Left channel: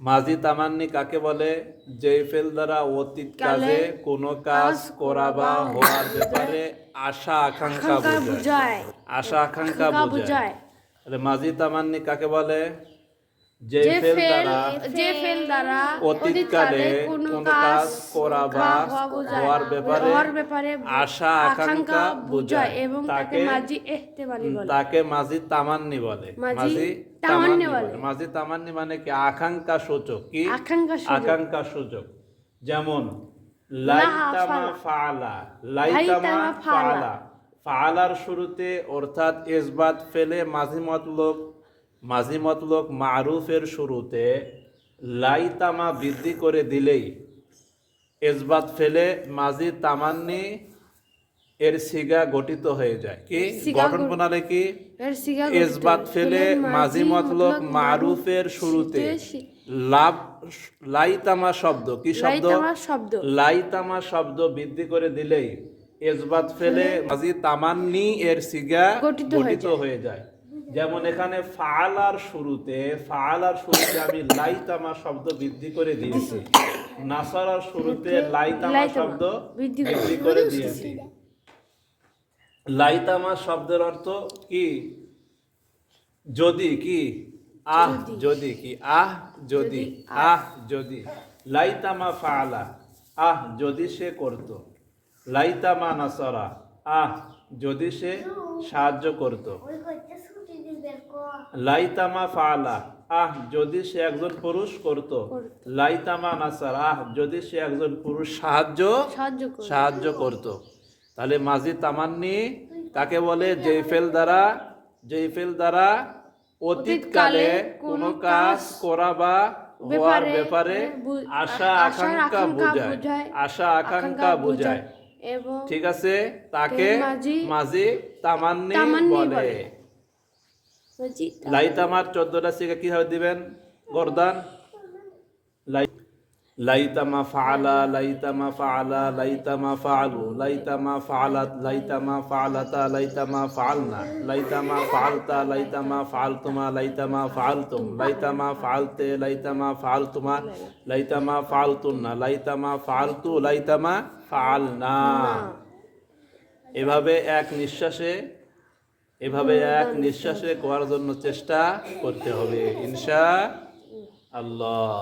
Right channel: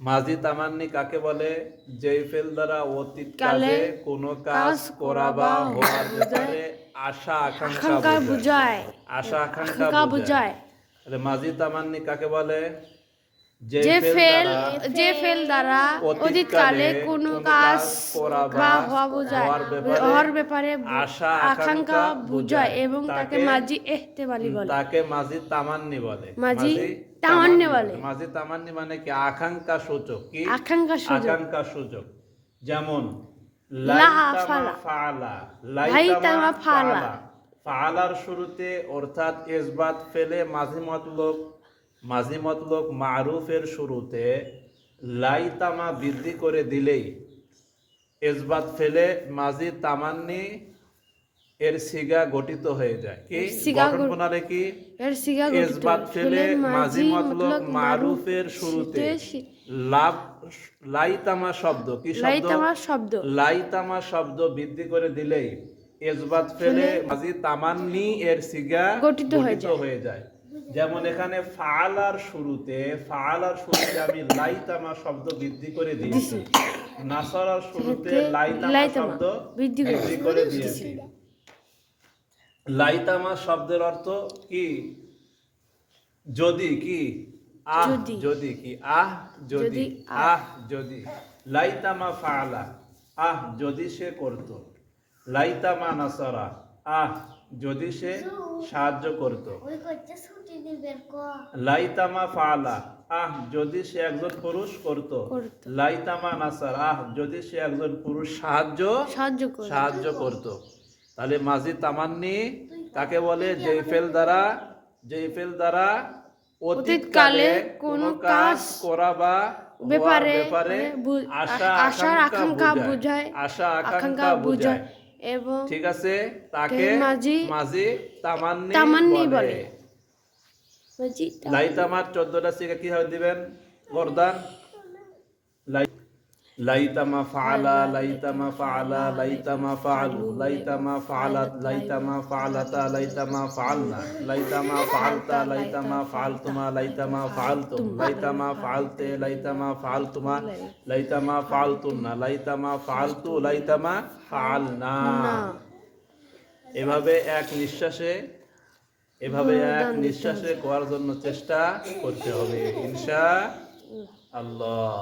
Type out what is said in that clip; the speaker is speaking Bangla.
মাজি তামান্নি কাকে বলে? যে ফেল দ্বারা অতীত কালে কোনো কাজ করা বা হওয়ার ব্যাপারে আশা আকাঙ্ক্ষা বোঝায়। আশা আকাঙ্ক্ষা বোঝায়। মাজি তামান্নি কাকে বলে? যে ফেল দ্বারা যে ফেল দ্বারা অতীতকালে কোনো কাজ করা বা হওয়ার ব্যাপারে আশা আকাঙ্ক্ষা বোঝায় এবং তাকে এহতেমালি বলে। তাকে তামান্নি বলে। তামান্নি বলে। তামান্নি মানে কি? আকাঙ্ক্ষা সূচক কি? আকাঙ্ক্ষা সুযোগ আকাঙ্ক্ষা সূচক। যেমন লাইতামা ফালা। লাইতামা। ফালা। ফালার শুরুতে অর্থাৎ ইসবাত ফেলে মাঝি মতলব মাঝি মতলব মারুফের শুরুতে লাইতামা বৃদ্ধি করে দিলেই ইসবাত ফেলে মাঝি তামান্নি এর সিগা গঠিত হয়ে যায়। কি? গঠন প্রণালী কি। ইসবাত ফেলে মাঝি মতলব মারুফের শুরুতে লাভ লাইতামা শব্দ কি শব্দ? লাইতামা শব্দ। বৃদ্ধি করে দিলেই ইসবাত ফেলে মাঝি তামান্নি এর সিগা গঠিত হয়ে যায়। যেমন এখানে ফালার শুরুতে ফালার শুরুতে আমি লাইতামা শব্দ বৃদ্ধি করে দিয়েছি। নাসারার শুরুতে লাইতামা শব্দ বৃদ্ধি করে- দিয়েছি। লাইতামা শব্দের অর্থ কি? যদি কি? আহ যদি। কি? আহ যদি। যদি, আহ যদি। লাইতামা ফালা। আহ যদি সে করত। লাইতামা নাসরা। আহ যদি সে সাহায্য করত। লাইতামা ফালা। আহ যদি সে একজন পুরুষ করত। লাইতামা নাসার। আহ যদি সে একজন পুরুষ সাহায্য সাহায্য করত। তাহলে মাঝি তামান্নি কাকে বলে জেফেল দ্বারা জেফেল দ্বারা অতীতকালে কোনো কাজ করা বা ব্যাপারে ব্যাপারে আশা আকাঙ্ক্ষা বোঝায়। আশা আকাঙ্ক্ষা বোঝায়। এবং ঠিক আছে? তাকে মাঝি- তামান্নি বলে। লাই তামার চোদ্দটা সিগা কীভাবে দিবেন? গরদান। লাই লাইতামা ফাআলা লাইতামা ফাআলা, লাইতামা ফাআলু, লাইতামা ফাআলাত, লাইতামা ফাআলাতা, লাইতামা ফাআলনা, লাইতামা ফাআলতা, লাইতামা ফাআলতুমা, লাইতামা ফাআলতুম, লাইতামা ফাআলতে, লাইতামা ফাআলতুমা, লাইতামা ফাআলতুন্না, লাইতামা ফাআলতু, লাইতামা ফাআলনা। এভাবে এক নিঃশ্বাসে, এভাবে এক নিঃশ্বাসে করার জন্য চেষ্টা করতে হবে, ইনশা আল্লাহ।